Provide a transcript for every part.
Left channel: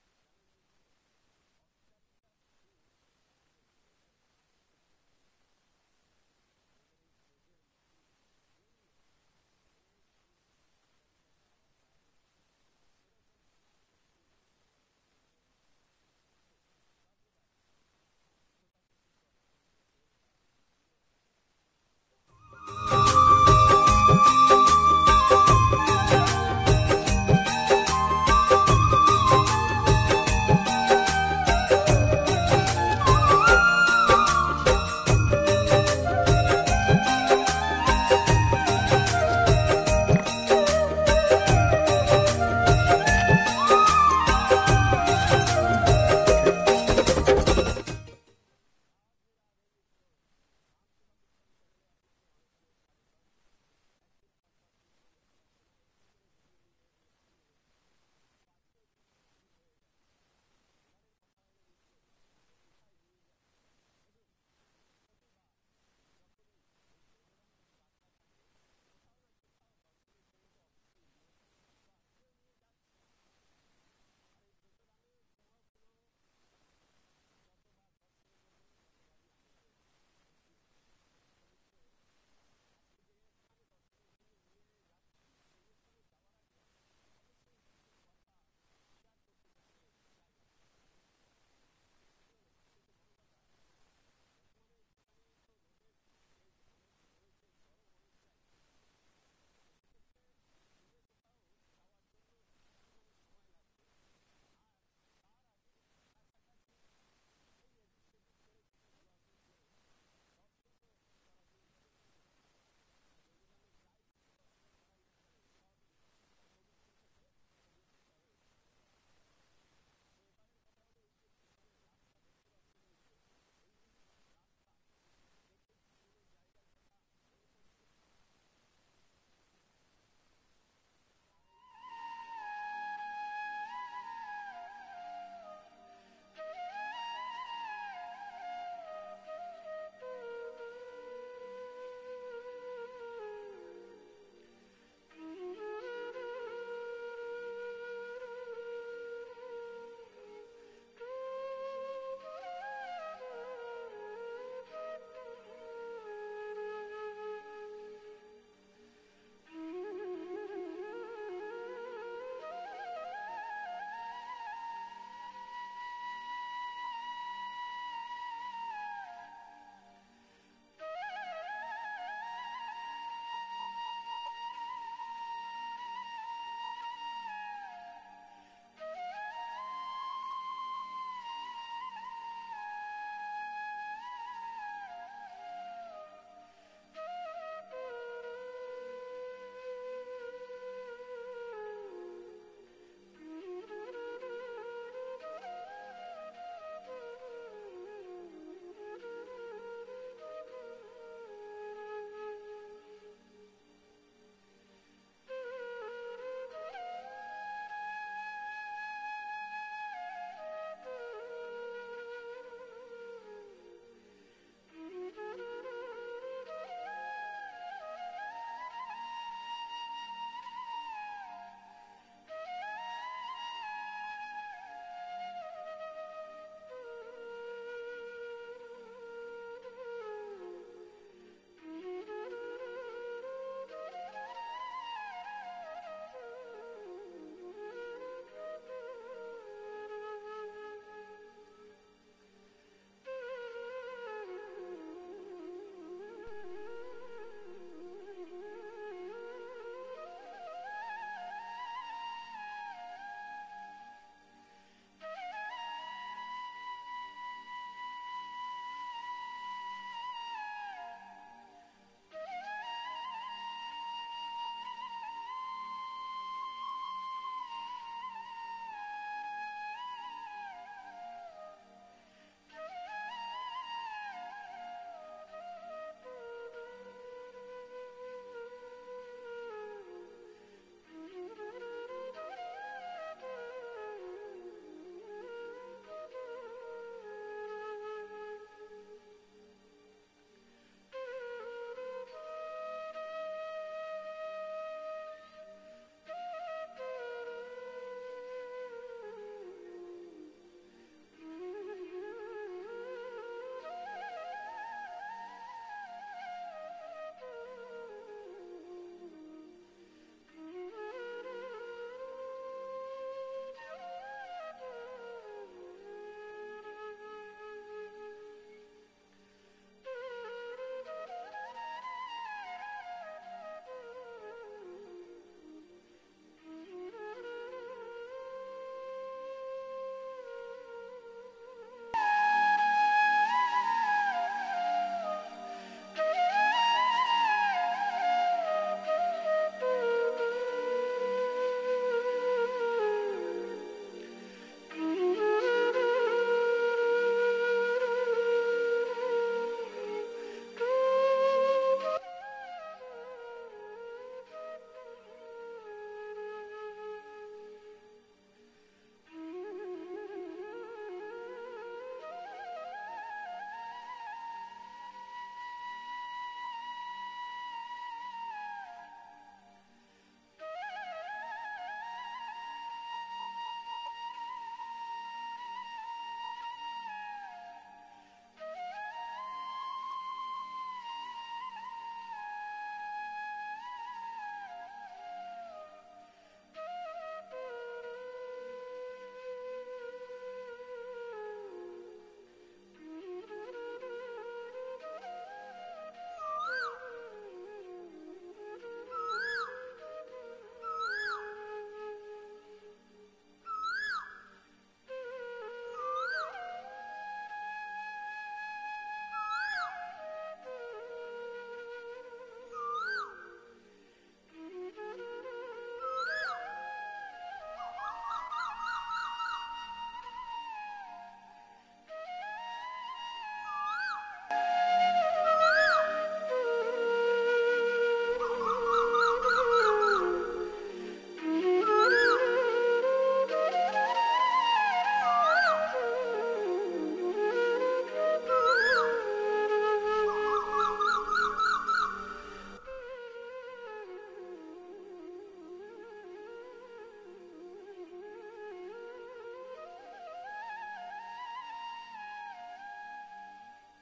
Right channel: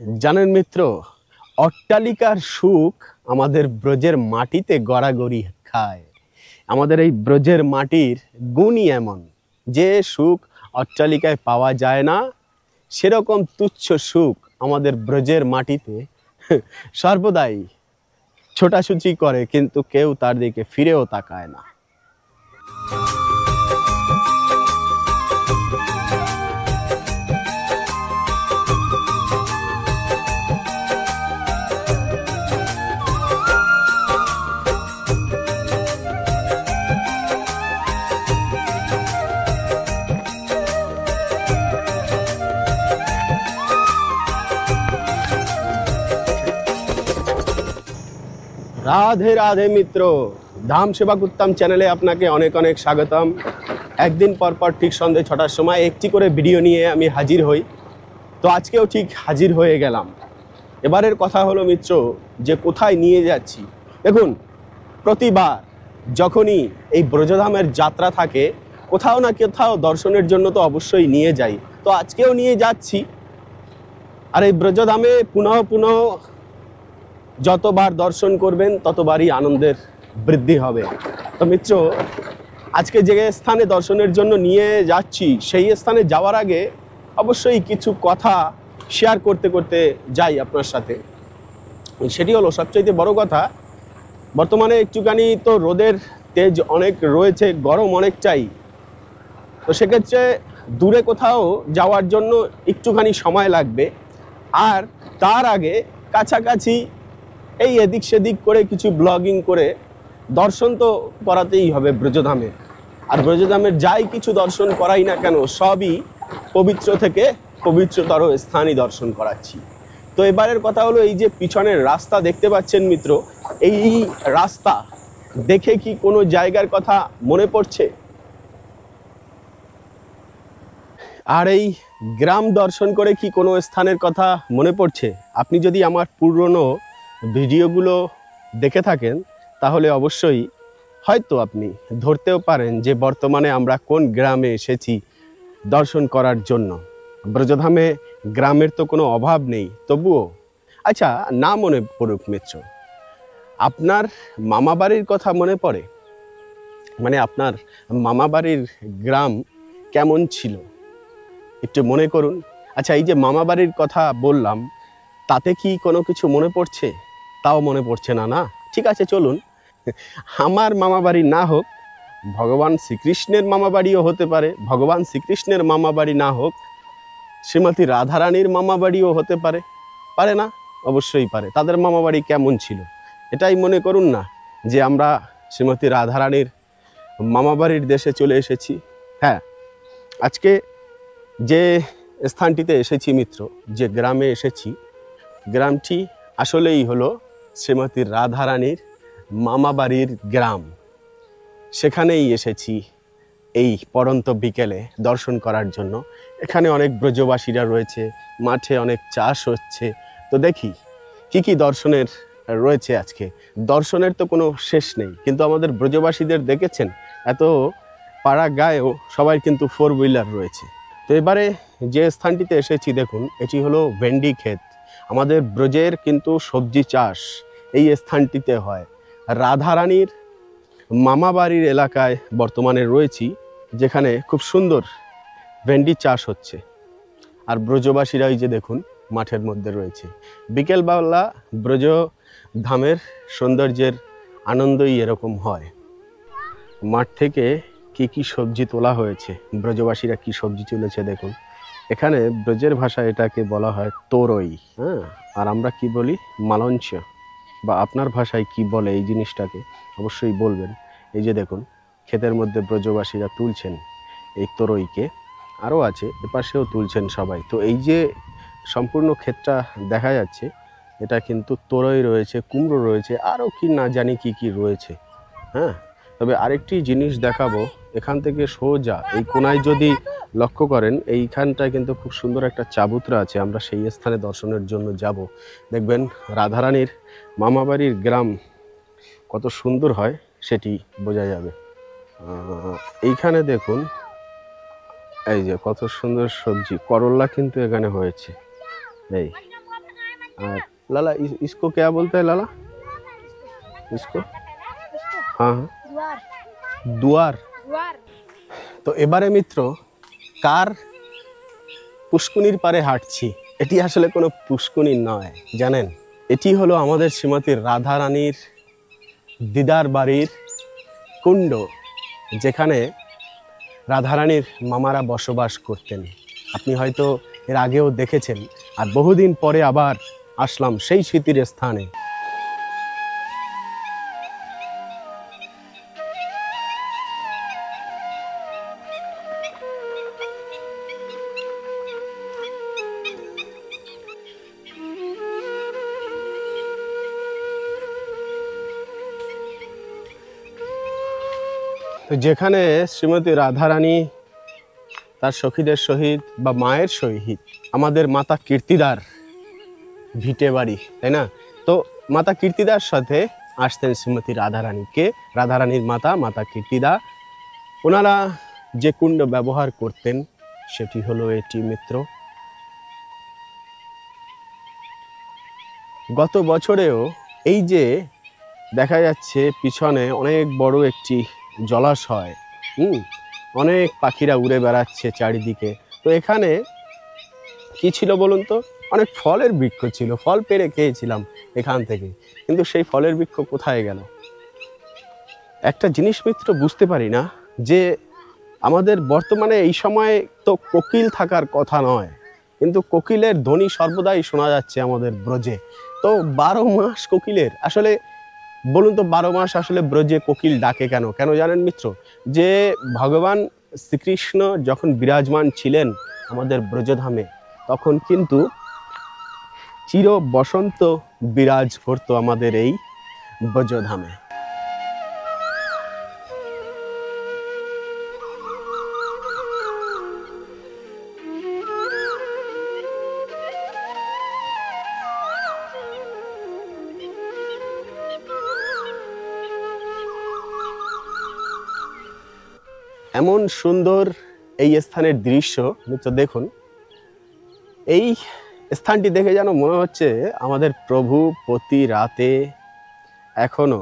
জানেন মিত্র, অট্টালিকার সুখ আমাদের ব্রজের মাটিতে গড়াগড়ি খায়। আমাদের এই ব্রজের মাটির গুণই এমন যে সুখ অট্টালিকায় পাওয়া যায় না, সেরকম তুচ্ছ সুখ আমাদের ব্রজের মাটিতে সর্বদাই ছোটাছুটি করে, কিন্তু কেউ তার দিকে ফিরেও তাকায় না। রাধে রাধে মিত্র, ধাম সেবক উত্তম চ্যানেলে আপনাকে অনেক অনেক স্বাগতম। একদিন পর পর ঠিক সন্ধ্যে 6টার সময় একটি করে ভিডিও নিয়ে আমি হাজির হই। তো আজকেও ঠিক হাজির হয়ে গেলাম। এবারের কথা হলো মিত্র, যে কোথায় নিয়ে যাচ্ছি। দেখুন, প্রতিবার যখনই এই ব্রজধামের যাত্রা থাকে, কোথাও না কোথাও দর্শনের জন্য তো অবশ্যই নিয়ে যাই। তো আজকেও নিয়ে যাচ্ছি। আর এই ব্রজধামে পুনঃ পুনঃ যতবার দর্শন করবেন ততবারই আনন্দের বৃদ্ধি হবে। তো মিত্র, আজকে যে স্থানে দর্শনের জন্য নিয়ে যাচ্ছি, সেই স্থানে যাওয়ার আগে অবশ্যই কিছু কথা শেয়ার করতে করতে যাই আপনার সাথে। সেটি হলো সবচাইতে বড় কথা, বর্তমানে একটুখানি তো রোদের তেজ অনেক রয়েছে, গরম অনেকটাই। তো সেক্ষেত্রে দূরে কোথাও যাওয়ার জন্য একটুখানি সময় লাগবে। আর তার আগে কাছাকাছি এই এদিক সেদিক করে কিছু ব্লগিং করে দর্শন তো করাতেই হবে ব্রজধামে। আর ব্রজধামের যাই কিছু দর্শন করাই না কেন, সবই পবিত্র থেকে পবিত্রতর স্থানই দর্শন করাচ্ছি। তো এবারের কথা হলো, এই যে পিছনের রাস্তা দেখতে পাচ্ছেন মিত্র, এই রাস্তা দেখে কি কোনো জায়গার কথা মনে পড়ছে? আর এই গ্রাম দর্শন করে কি কোনো স্থানের কথা মনে পড়ছে? আপনি যদি আমার পুরনো ভিডিওগুলো দেখে থাকেন, তাহলে অবশ্যই হয়তো আপনি ধরতেও পারেন যে বর্তমানে আমরা কোন গ্রামে এসেছি দর্শন করার জন্য। ব্রজধামে গ্রামের তো কোনো অভাব নেই, তবুও আচ্ছা, না মনে পড়ুক মিত্র, আপনার মামাবাড়ির কথা মনে পড়ে? মানে আপনার মামাবাড়ির গ্রাম কেমন ছিল একটু মনে করুন। আচ্ছা, এই যে মামাবাড়ির কথা বললাম, তাতে কি কোনো কিছু মনে পড়ছে? তাও মনে পড়ছে না, না? ঠিক আছে, চলুন, আমার মামাবাড়ি না হোক, ভগবান শ্রীকৃষ্ণের মামাবাড়িও হতে পারে। ভগবান শ্রীকৃষ্ণের মামাবাড়ি না হোক, শ্রীমতী রাধারানীর মামাবাড়িও হতে পারে। পারে না? অবশ্যই পারে। তাদের মামাবাড়ি কেমন ছিল এটাই মনে করুন না, যে আমরা শ্রীমতী রাধারানীর মামাবাড়ির দেশে চলে এসেছি। হ্যাঁ, আজকে যে স্থানটিতে এসেছি মিত্র, যে গ্রামে এসেছি, গ্রামটি আসলেই হলো শ্রীমতী রাধারানীর মামাবাড়ির গ্রাম। সেখানেই এসেছি এই পড়ন্ত বিকেলে দর্শন করার জন্য। এখানে অনেক ব্রজবাসীরা রয়েছে, মাঠে অনেক চাষ হচ্ছে। তো দেখি কি কি দর্শনের রয়েছে আজকে। দর্শনের তো কোনো শেষ নেই, কিন্তু আমাদের ব্রজবাসীদের দেখেছেন, এত পাড়া গায়েও সবাই কিন্তু 4 হুইলার রয়েছে। তো এবারে যে স্থানটিতে এসেছি, দেখুন, এটি হলো ভেন্ডি ক্ষেত। আমাদের ব্রজের কিন্তু সবজি চাষ এই স্থানটিতে হয়। রাধারানীর মামাবাড়ির এলাকায় বর্তমানে রয়েছি, যেখানে খুব সুন্দর ভেন্ডি চাষ হচ্ছে। আর ব্রজবাসীরা এই যে দেখুন মাঠের মধ্যে রয়েছে। বিকেলবেলা ব্রজ ধামের সৌন্দর্যের আনন্দই এরকম হয়। মাঠ থেকে কি কি সবজি তোলা হয়েছে, ব্রজবাসীরা কি সবজি তুলেছে দেখুন। এখানে ব্রজের ভাষায় এটাকে বলা হয় তোরই, হ্যাঁ। আর আমরা কি বলি? মালঞ্চ। বা আপনার ভাষায় কি বলে এই জিনিসটাকে অবশ্যই বলবেন। এই যে দেখুন, ক্ষেতের মধ্যে ব্রজবাসীরা তুলছেন এই তোরইকে। আরও আছে, এপাশেও তুলছেন সবাই। তো এই যে সম্পূর্ণ ক্ষেতটা দেখা যাচ্ছে, এটা কিন্তু তোরই রয়েছে, কুমড়ো রয়েছে, আরও কি না জানি কি কি রয়েছে। হ্যাঁ, তবে আরেকটি জিনিস দেখাবো। এখান থেকে সোজা এই কোনায় যদি লক্ষ্য করেন, এইখানটায় কিন্তু খুব সুন্দর একটা চাবুতরা আছে। আমরা সেই স্থানে দর্শনের জন্য যাব। দেখবেন রাধারানীর মামাবাড়ির গ্রাম কত সুন্দর হয় সেটি বোঝা যাবে। এইখানে দেখুন, এই যে কত সুন্দর সবজি, করল্লা কিন্তু এখানে হয়েছে। এই और लाला इसको क्या बोलते हैं लाला? इसको हाँ दुआर। তো এবারে মিত্র কার পুষ্কুনির পারে হাঁটছি, এটি আসলে কোনো পুষ্কুনি নয় জানেন, এটি হলো আমাদের শ্রীমতী রাধা রানীর দিদার বাড়ির কুণ্ড, যেখানে রাধারানীর মামারা বসবাস করতেন। আপনি হয়তো এর আগেও দেখেছেন, আর বহুদিন পরে আবার আসলাম সেই স্মৃতির স্থানে। তো যেখানে শ্রীমতী রাধারানী তার সখীদের সহিত বা মায়ের সহিত আমাদের মাতা কীর্তিদার ভিটে বাড়ি, তাই না? তো মাতা কীর্তিদার সাথে আসতেন শ্রীমতী রাধারানীকে, রাধারানীর মাতা কীর্তিদা। ওনারা যে কুণ্ড ব্যবহার করতেন সেটি হলো এটি মিত্র। গত বছরেও এই যে দেখা যাচ্ছে পিছনে অনেক বড় একটি জলাশয়, অনেক পাখিরা উড়ে বেড়াচ্ছে চারিদিকে। তো এখানে কি ছিল বলুন তো? অনেক ফলের বৃক্ষ ছিল, ফল পেড়ে খেয়েছিলাম এখান থেকে, কিন্তু সেই ফলের বৃক্ষ কোথায় গেল? একটা জিনিস মিত্র বুঝতে পারি না, যে আমাদের বর্তমানে এই সময় তো কোকিল থাকার কথা নয়, কিন্তু কোকিলের ধ্বনি সর্বদাই শোনা যাচ্ছে আমাদের ব্রজে। তো 12 মাস কোকিলের, আসলে বলুন তো 12 মাস আসলে ব্রজে কোকিল ডাকে কেন? কেন জানেন মিত্র? যে ভগবান শ্রীকৃষ্ণ যখন বিরাজমান ছিলেন আমাদের ব্রজধামে, তখন কিন্তু চির বসন্ত বিরাজ করতো আমাদের এই ব্রজধামে। এমন সুন্দর এই স্থানের দৃশ্য মিত্র, দেখুন এই স্থানটি দেখে যেন মনে হচ্ছে আমাদের প্রভু প্রতি রাতে এখনো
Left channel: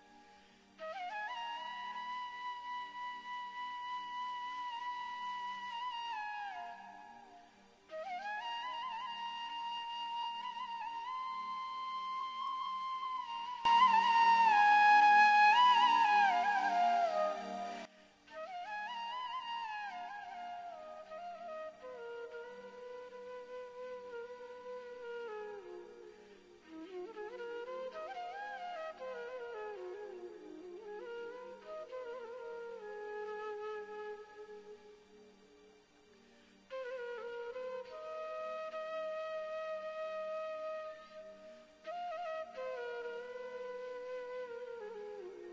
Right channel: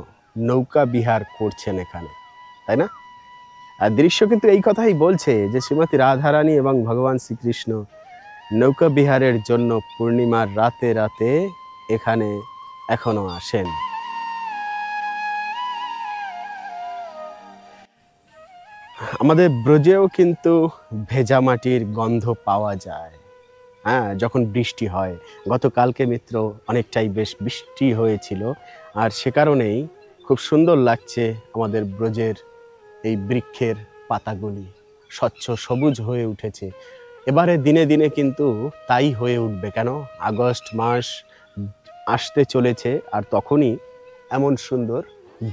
নৌকা বিহার করছেন এখানে, তাই না? আর দৃশ্য কিন্তু এই কথাই বলছে যে শ্রীমতী রাধারানী এবং ভগবান শ্রীকৃষ্ণ নৌকা বিহারের জন্য পূর্ণিমার রাতে রাতে এখানে এখনো আসেন। আমাদের ব্রজেও কিন্তু ভেজা মাটির গন্ধ পাওয়া যায়, হ্যাঁ, যখন বৃষ্টি হয়। গতকালকে মিত্র অনেকটাই বেশ বৃষ্টি হয়েছিল, আর সে কারণেই খুব সুন্দর লাগছে আমাদের ব্রজের এই বৃক্ষের পাতাগুলি স্বচ্ছ সবুজ হয়ে উঠেছে। এবারে দিনে দিনে কিন্তু তাই হয়ে উঠবে, কেন আগস্ট মাস আসতে চলেছে, আর তখনই এমন সুন্দর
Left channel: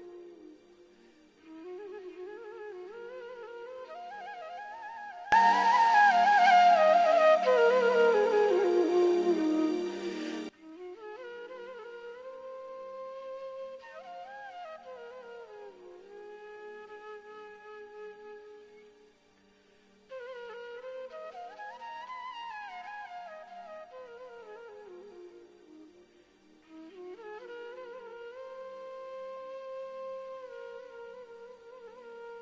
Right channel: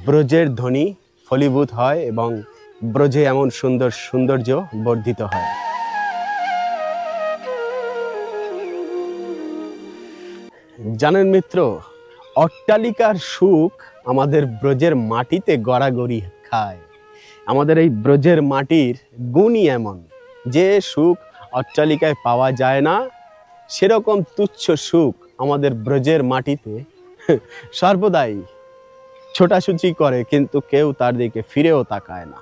ব্রজের ধ্বনি ফলীভূত হয় এবং ব্রজে এমন সুন্দর সৌন্দর্য বর্ধিত হয়। জানেন মিত্র, অট্টালিকার সুখ আমাদের ব্রজের মাটিতে গড়াগড়ি খায়। আমাদের এই ব্রজের মাটির গুণই এমন যে সুখ অট্টালিকায় পাওয়া যায় না, সেরকম তুচ্ছ সুখ আমাদের ব্রজের মাটিতে সর্বদাই ছোটাছুটি করে, কিন্তু কেউ তার দিকে ফিরেও তাকায় না।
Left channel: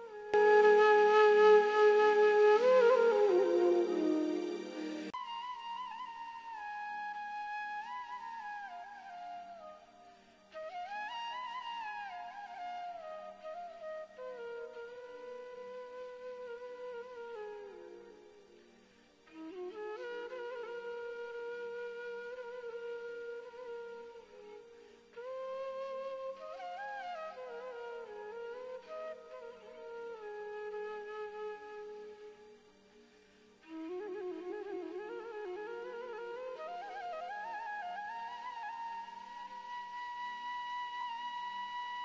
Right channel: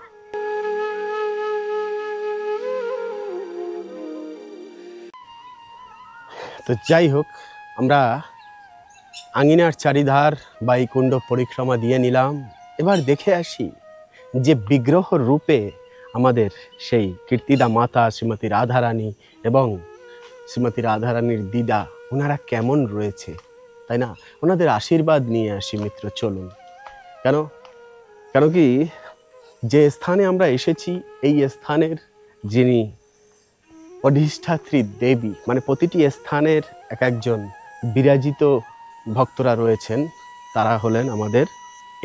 তো যাই হোক, আমরা আঙিনার চারিধার বা এই কুণ্ড পরিক্রমা দিয়ে নিলাম। এবার দেখে আসি যে বিগ্রহ রূপে আমাদের সেই কীর্তিদা মাতা শ্রীমতী রাধারানী এবং শ্রীমতী রাধারানীর দিদা, ওনারা কেমন রয়েছে, তাই না? ওনাদের আশীর্বাদ নিয়ে আসি মিত্র, চলুন। কেন কেন কি যে স্থানে আমরা এসেছি, এই স্থানের যিনি অধিষ্ঠাত্রী দেবী, মানে প্রতিটি স্থানের এক একজন বিরাজিত ভক্তরা রয়েছেন, তারা হলেন আমাদের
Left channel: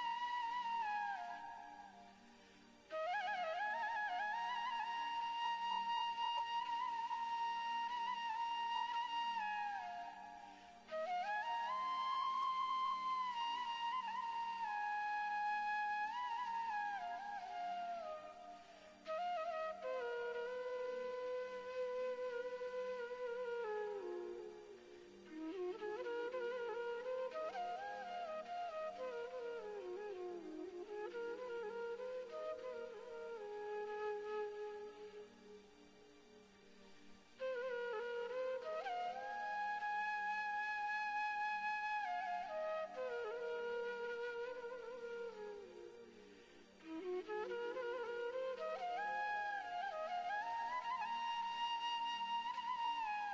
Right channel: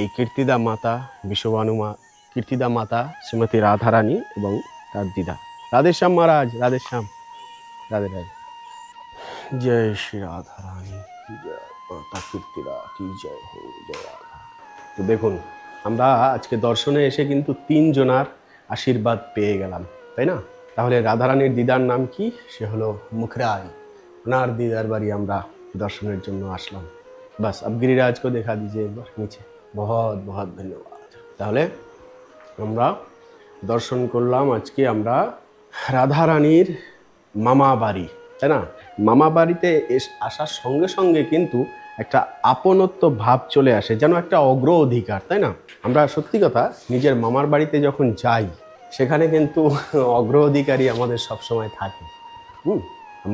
এই কীর্তিদা মাতা বিশ্ববানুমা, কীর্তিদা মাতা শ্রীমতী রাধারানী এবং তার দিদা। রাধেশ্যাম মহারাজ, রাধেশ্যাম, রাধে রাধে। জয় শ্রী রাধারানী, জয় মাতা কীর্তিদা কি জয় হো, জয় রাধা। তো দেখুন, আমরা আজকে দর্শনে এসে কিন্তু 3 জনার আশীর্বাদ পেয়ে গেলাম, তাই না? তাহলে রাধারানীর দিদার নাম কি? সে হলো মুখরাই। ওনার দিদার বাড়ি আমরা दर्शनेर जन्य आसलाम। बस अब गिरिराज को देखा दीजिए एक बार नीचे। बहुत बहुत धन्यवाद। ताहले আমরা দর্শন করলাম আজকে আমরা রাধারানীর মামা বাড়ি, তাই না? মামা বাড়িতে আসার সঙ্গে সঙ্গে কিন্তু একটা আপনত্ব ভাব চলে আসে, যেন একটা অগ্র অধিকার, তাই না? আমরা সত্যি কথা নিজের মামার বাড়িতে যখন যাই সেখানে কিন্তু অগ্র অধিকারী আমাদের সবসময় থাকে।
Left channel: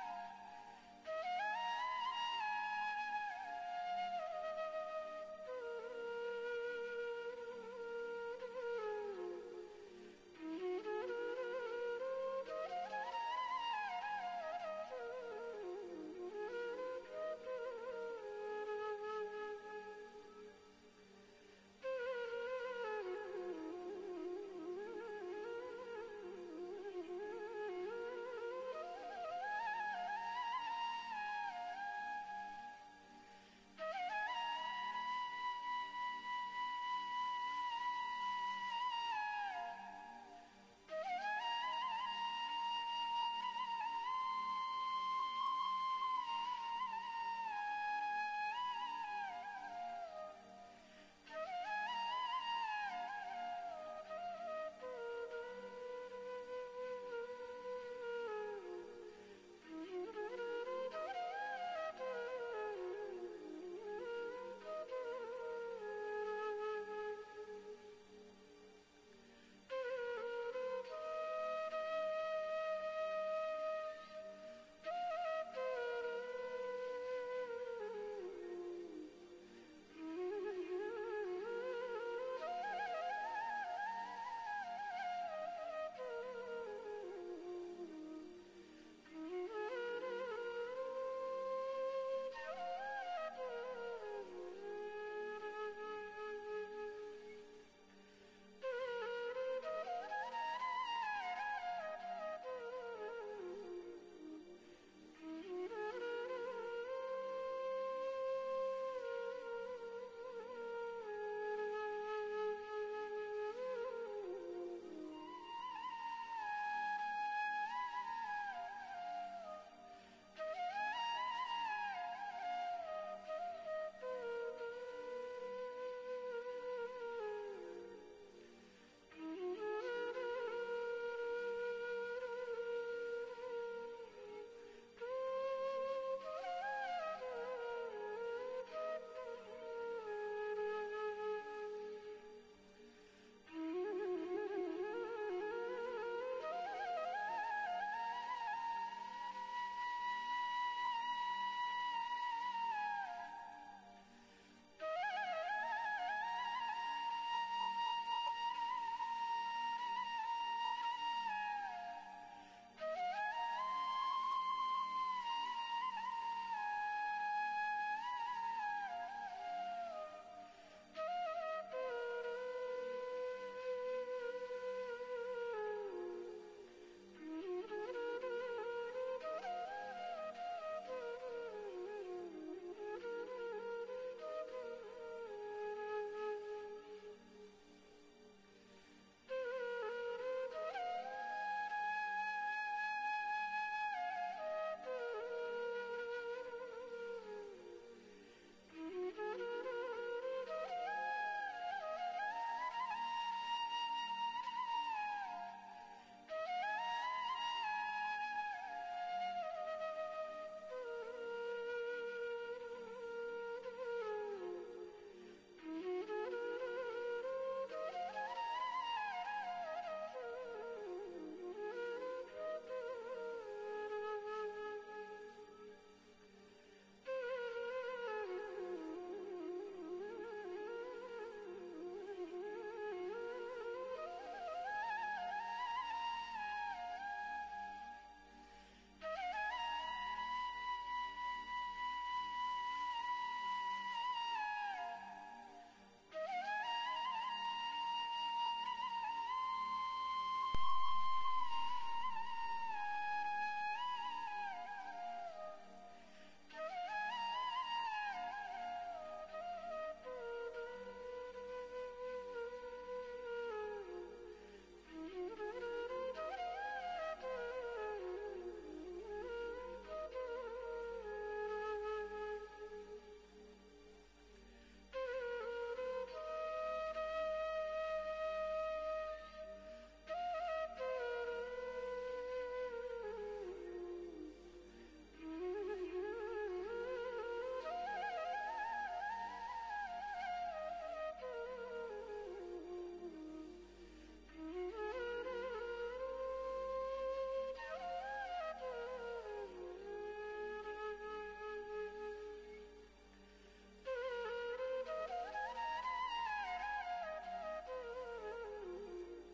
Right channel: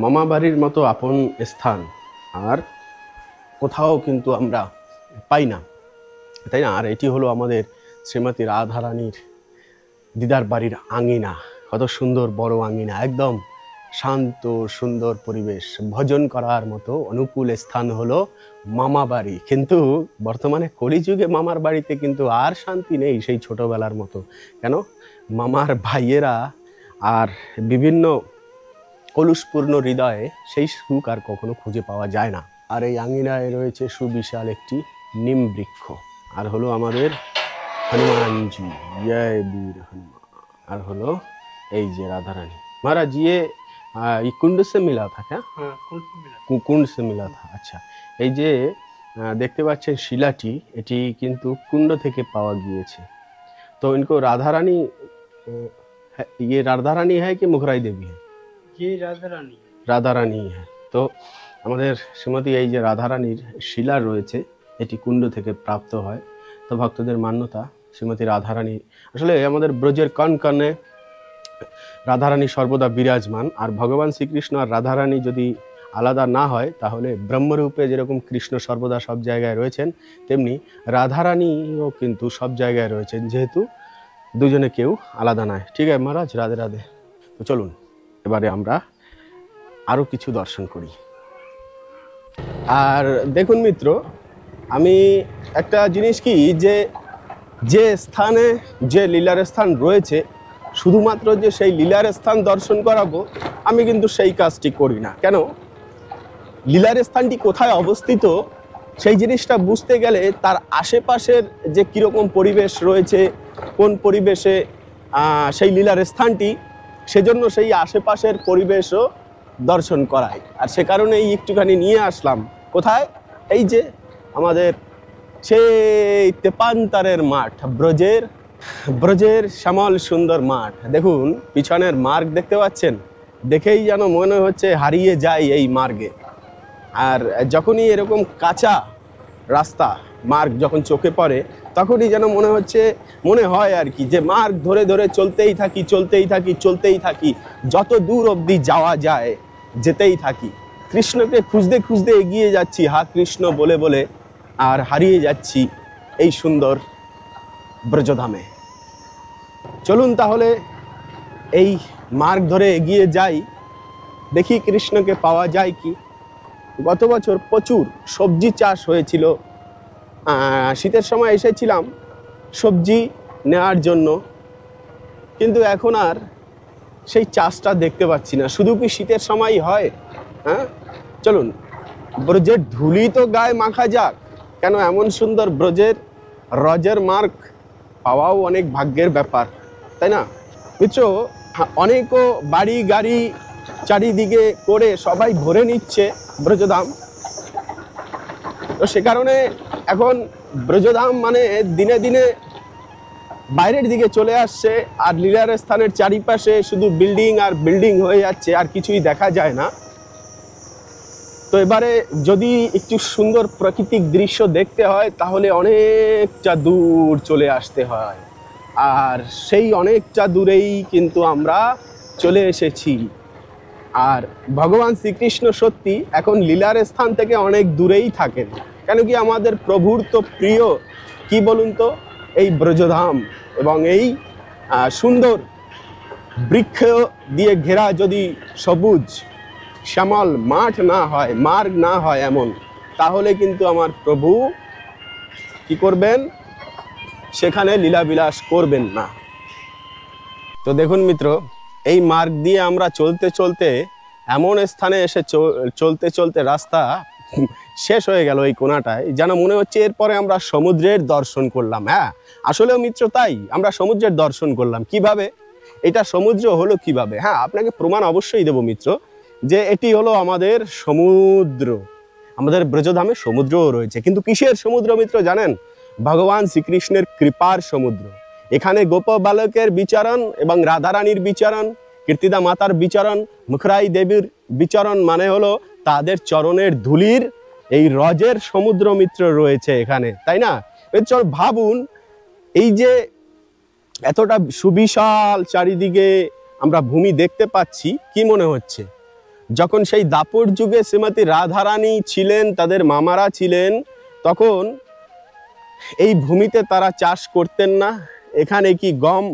মামা বাড়ির মতো আপন স্থান আর কোথাও কিন্তু আমরা পাই না, তাই না? আর এটি হলো আমাদের শ্রীমতী রাধারানীর দিদার বাড়ির আঙিনা। কত সুন্দর বড় আঙিনা, একদম শান্ত সুন্দর পরিবেশ, ভজন করার মতো অনুকূল স্থান হলো মামা বাড়ি। কিন্তু বর্তমানে কলিযুগে মামার বাড়িতে কিন্তু আর শান্তি নেই সেই ছোটবেলার মতো। কেন? মামার ভাইয়েরা আর বিভিন্ন কলুষপূর্ণ হৃদয়ে সেই সুখ আর কখনো খুঁজে পাওয়া যায় না। আর এই আঙিনায় রয়েছে সুবিশাল একটি নিম বৃক্ষ, আর হলো আমাদের হনুমানজি, জয় বীর হনুমান। আর হলো এই যে রাধারানী। महाराज ये कुंड से मिला था क्या? কুণ্ড সে মিলা থা। আচ্ছা, এই যে দেখতে পাচ্ছেন শিলাটি, এটি কিন্তু কুণ্ড থেকে পাওয়া গিয়েছে। তো इनको राधा रानी, ये राधा रानी है कि मुखराई देवी है? ये राधारानी। রাধারানী হ্যাঁ। তো আমাদের শ্রীমতী এই যে রাধারানীর শিলা রয়েছে এটি কুণ্ড থেকে প্রাপ্ত হয়। তো ভক্তদের মান্যতা শ্রীমতী রাধারানী আসলে আমাদের ব্রজের কণ কণে রাধারানী সর্বদা বিরাজমান। আর ভগবান শ্রীকৃষ্ণ আর রাধারানী যদি আলাদা না হয় তাহলে ব্রহ্মরূপে যেরকম কৃষ্ণ সর্বদা সব জায়গায় রয়েছেন, তেমনি রাধারানীও কিন্তু সব জায়গায় রয়েছেন, যেহেতু দুজনে কেউ আলাদা নয়। ঠিক আছে মহারাজ, রাধে রাধে। তো চলুন এবারে আমরা আরও কিছু দর্শন করি। আর দেখুন মিত্র, আমি একটা জিনিস কি, যে স্থানে যে লীলার স্থান রয়েছে শুধুমাত্র যে সেই লীলার স্থান দর্শন করাবো আমি কিন্তু সেই কাজটি করি না। কেন? লীলার স্থানটি কোথায় অবস্থিত সেই জিনিসটা বুঝতে গেলে তার আশেপাশের যে কীরকম পরিবেশ রয়েছে, কোন পরিবেশে সেই লীলার স্থানটি, সেজন্য সেই আশেপাশের পরিবেশও দর্শন করাই। আর সে কারণেই একটুখানি নিয়ে আসলাম কোথায়, এই যে আমাদের সেই তেপান্তরের মাঠ, ব্রজের শ্যামল সুন্দর মাঠ। দেখুন পিছনের মার্গ দেখতে পাচ্ছেন, দেখেই যেন মনে হচ্ছে হারিয়ে যায় এই মার্গে। আর যখনই এরকম কাঁচা রাস্তা মার্গ যখন চোখে পড়ে তখনই যেন মনে হয় আর কি যে মার্গ ধরে ধরে চলতেই থাকি, যত দূর অবধি যাওয়া যায় যেতেই থাকি। কৃষ্ণকে খুঁজতে খুঁজতে এগিয়ে যাচ্ছি, হা কৃষ্ণ বলে বলে, আর হারিয়ে যাচ্ছি এই সুন্দর ব্রজধামে। চলুন তাহলে এই মার্গ ধরে এগিয়ে যাই, দেখি কৃষ্ণকে পাওয়া যায় কি। গত বছর প্রচুর সবজি চাষ হয়েছিল, শীতের সময় এসেছিলাম সবজি নেওয়ার জন্য, কিন্তু এখন আর সেই চাষটা দেখতে পাচ্ছি না। শুধু কি শীতের সময়ই হয়? হ্যাঁ, চলুন ব্রজের ধুলি তো গায়ে মাখা যাক। কেন? এমন সুন্দর ব্রজের রজের মার্গ পাওয়াও অনেক ভাগ্যের ব্যাপার, তাই না মিত্র? অনেকও বাড়ি গাড়ি চারিদিকে করে সবাই ভরে নিচ্ছে ব্রজধাম। তো সে কারণে এখন ব্রজধাম মানে দিনে দিনে বাইরের দিকে চলে আসছে, আর লীলার স্থানের চারিপাশে শুধু বিল্ডিং আর বিল্ডিং হয়ে যাচ্ছে, আর কিছুই দেখা যায় না। তো এবারে যদি একটু সুন্দর প্রাকৃতিক দৃশ্য দেখতে হয় তাহলে অনেকটা দূর চলে আসতে হয়, আর সেই অনেকটা দূরেই কিন্তু আমরা চলে এসেছি। আর ভগবান শ্রীকৃষ্ণ সত্যি এখন লীলার স্থান থেকে অনেক দূরেই থাকেন। কেন কি? আমাদের প্রভুর তো প্রিয় কি বলুন তো এই ব্রজধাম, এবং এই সুন্দর বৃক্ষ দিয়ে ঘেরা যদি সবুজ শ্যামল মাঠ না হয়, মার্গ না হয় এমন, তাহলে কিন্তু আমার প্রভু কি করবেন? সেখানে লীলাবিলাস করবেন না। তো দেখুন মিত্র, এই মার্গ দিয়ে আমরা চলতে চলতে এমন স্থানে এসে চলতে চলতে রাস্তা শেষ হয়ে গেল এই কোণাটায়, যেন মনে হচ্ছে এরপরে আমরা সমুদ্রের দর্শন করলাম। হ্যাঁ, আসলেও মিত্র তাই, আমরা সমুদ্রের দর্শন করলাম। কিভাবে এটা সমুদ্র হলো কিভাবে? হ্যাঁ, আপনাকে প্রমাণ অবশ্যই দেব মিত্র যে এটি হলো আমাদের সমুদ্র। আমাদের ব্রজধামে সমুদ্রও রয়েছে, কিন্তু কিসের সমুদ্র মিত্র জানেন? ভগবান শ্রীকৃষ্ণের কৃপার সমুদ্র। এখানে গোপ বালকের বিচরণ এবং রাধারানীর বিচরণ, কীর্তিদা মাতার বিচরণ, মুখরাই দেবীর বিচরণ, মানে হলো তাদের চরণের ধুলির এই রজের সমুদ্র মিত্র রয়েছে এখানে, তাই না? চল ভাবুন, এই যে এতটা সুবিশাল চারিদিকে আমরা ভূমি দেখতে পাচ্ছি, কি মনে হচ্ছে যখন সেই দাপর যুগে শ্রীমতী রাধারানী ছিলেন, তাদের মামারা ছিলেন, তখন এই ভূমিতে তারা চাষ করতেন না? এখানে কি গম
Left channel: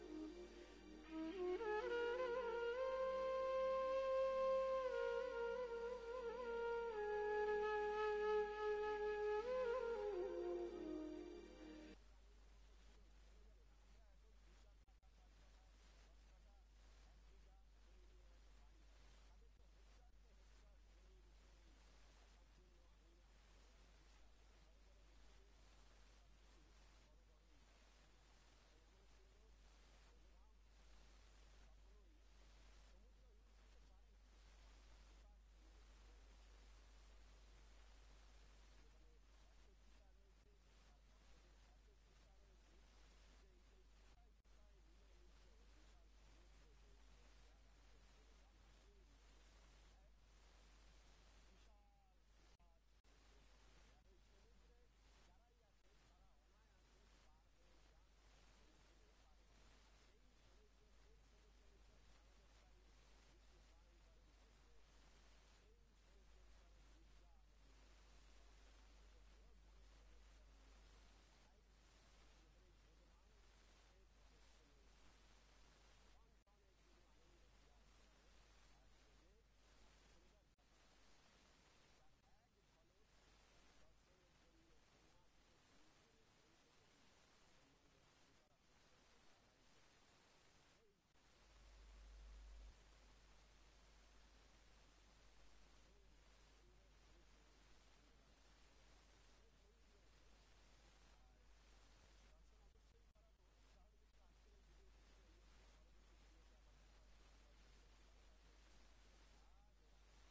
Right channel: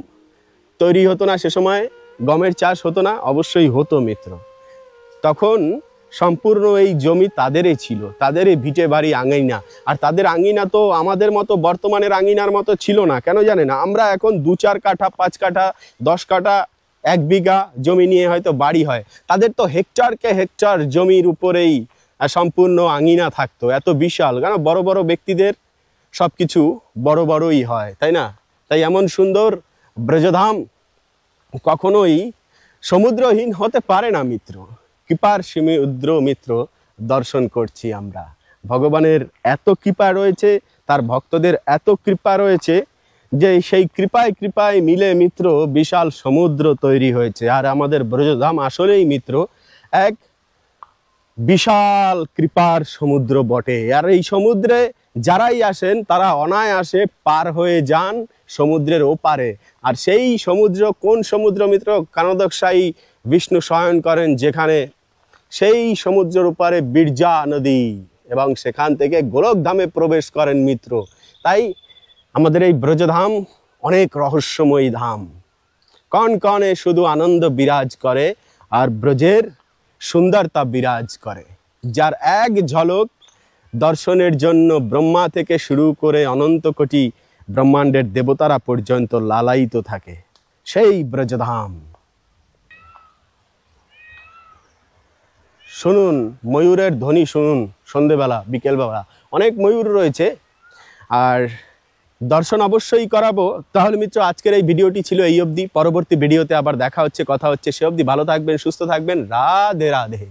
তৈরি হতো না? সে সময় গমের চাষ হতো না? অবশ্যই হতো মিত্র। তখন সম্পূর্ণ এই জমি তাদেরই ছিল, তাদেরই ভিটে বাড়ি আঙিনা। আর তাদের আঙিনা তো আমাদের মতো বর্তমানের আঙিনার মতো ছিল না। কেন জানে না? আমরা এখন 2-4 কাঠা, 5 কাঠা, 10 কাঠা, 1 বিঘা জমি নিয়ে হয়তো বাড়ি হয়। তাদের তো হেক্টরকে হেক্টর জমির উপরেই সম্পূর্ণ আঙিনা থাকতো, এত বিশাল। কেন? বড় বড় ব্যক্তিদের সবকিছু বড় বড়ই হয়, তাই না? তাই এমন সুন্দর ব্রজধাম কখনোই সমুদ্রহীন হতে পারে না মিত্র। কৃপার সমুদ্র মিত্র দর্শন করছি আমরা। ভগবানের এত কৃপা রয়েছে, তার ভক্তদের এত কৃপা রয়েছে যে সেই কৃপায় কৃপায় মিলে মিত্র বিশাল সমুদ্র তৈরি হয়েছে। আর আমাদের ব্রজধাম আসলেই মিত্র এক বিশাল কৃপার সমুদ্র বটে। আর এই সমুদ্রে যারাই আসেন তারা অনায়াসে পার হয়ে যান সমুদ্রের ওপারে। আর সেই সমুদ্র কোন সমুদ্র মিত্র? কানদকশায়ী বিষ্ণু শয়ন করেন যেখানে, সেই সমুদ্রের ওপারে বিরজা নদী, এবং সেখান থেকে গোলকধামে প্রবেশ করেন মিত্র। তাই আমাদের এই ব্রজধাম অনেক রহস্যময়ী ধাম। কন কনে শুধু আনন্দ বিরাজ করে, আর ব্রজের সুন্দরতা বিরাজ করে, যার এক ঝলক দর্শনের জন্য ব্রহ্মা থেকে শুরু করে অনন্ত কোটি ব্রহ্মাণ্ডের দেবতারা পর্যন্ত লালায়িত থাকে। সেই ব্রজধাম। শুনুন ময়ূরের ধ্বনি, শুনুন সন্ধেবেলা, বিকেলবেলা অনেক ময়ূর রয়েছে। আর দর্শন অবশ্যই করাবো। তাহলে মিত্র আজকের এই ভিডিওটি ছিল এই অবধি। পরবর্তী ভিডিওতে আবার দেখা হচ্ছে, কথা হচ্ছে। সে অবধি ভালো থাকবেন, সুস্থ থাকবেন। রাধে রাধে।